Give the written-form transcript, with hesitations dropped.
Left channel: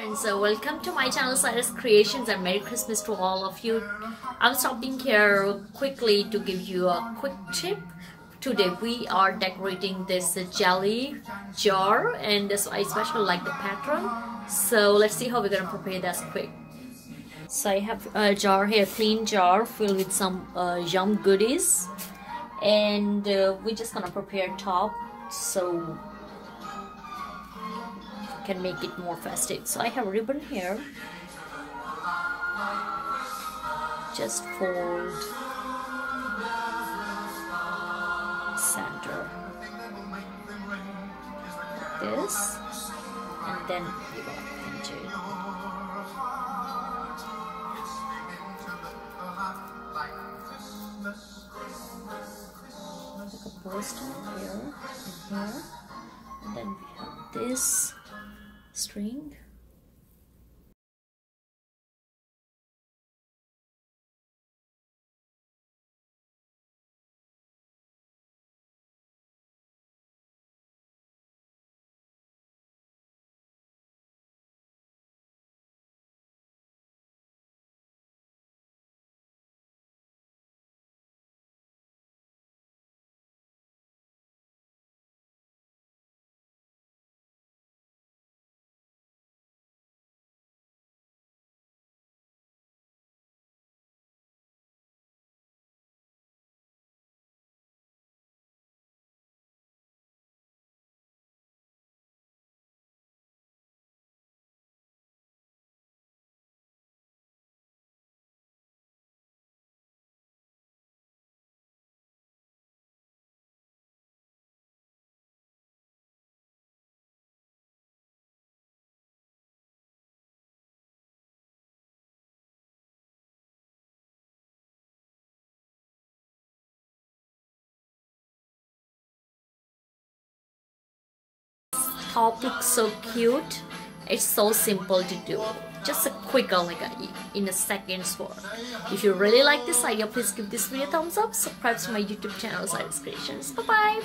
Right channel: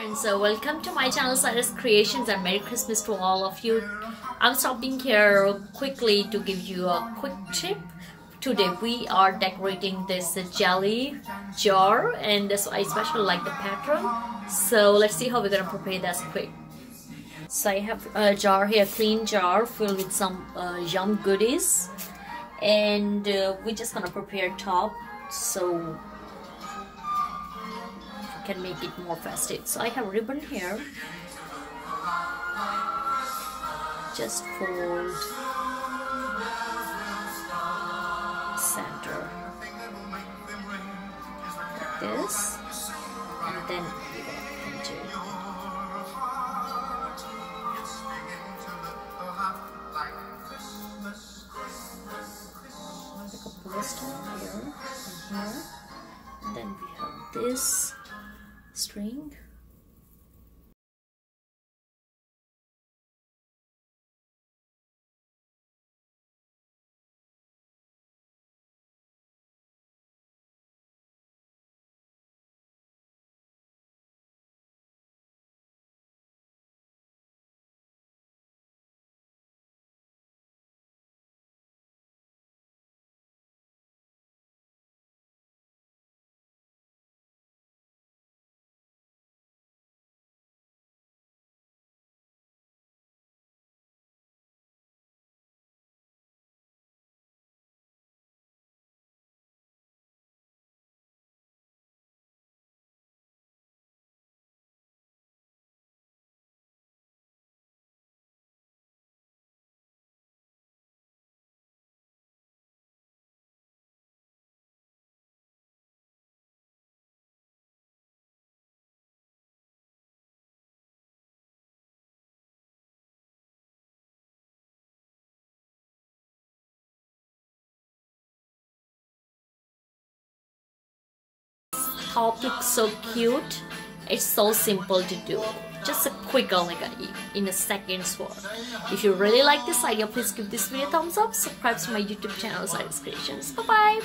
Friends, welcome to my channel Saira's Creations and Merry Christmas to all of you. I'm stopping here quickly to give you a quick tip. Today we are decorating this jelly jar and this I especially like the pattern. So let's see how we're gonna prepare this quick. So I have a jar here, clean jar filled with some yum goodies, and we're just gonna prepare top so can make it more festive. So I have a ribbon here. Just fold center like this, and then you're gonna pinch it. Like a burst on here and here, and then we have this string. Top looks so cute. It's so simple to do. Just a quick, in a second's work. If you really like this idea, please give this video a thumbs up. Subscribe to my YouTube channel, Saira's Creations. Bye bye.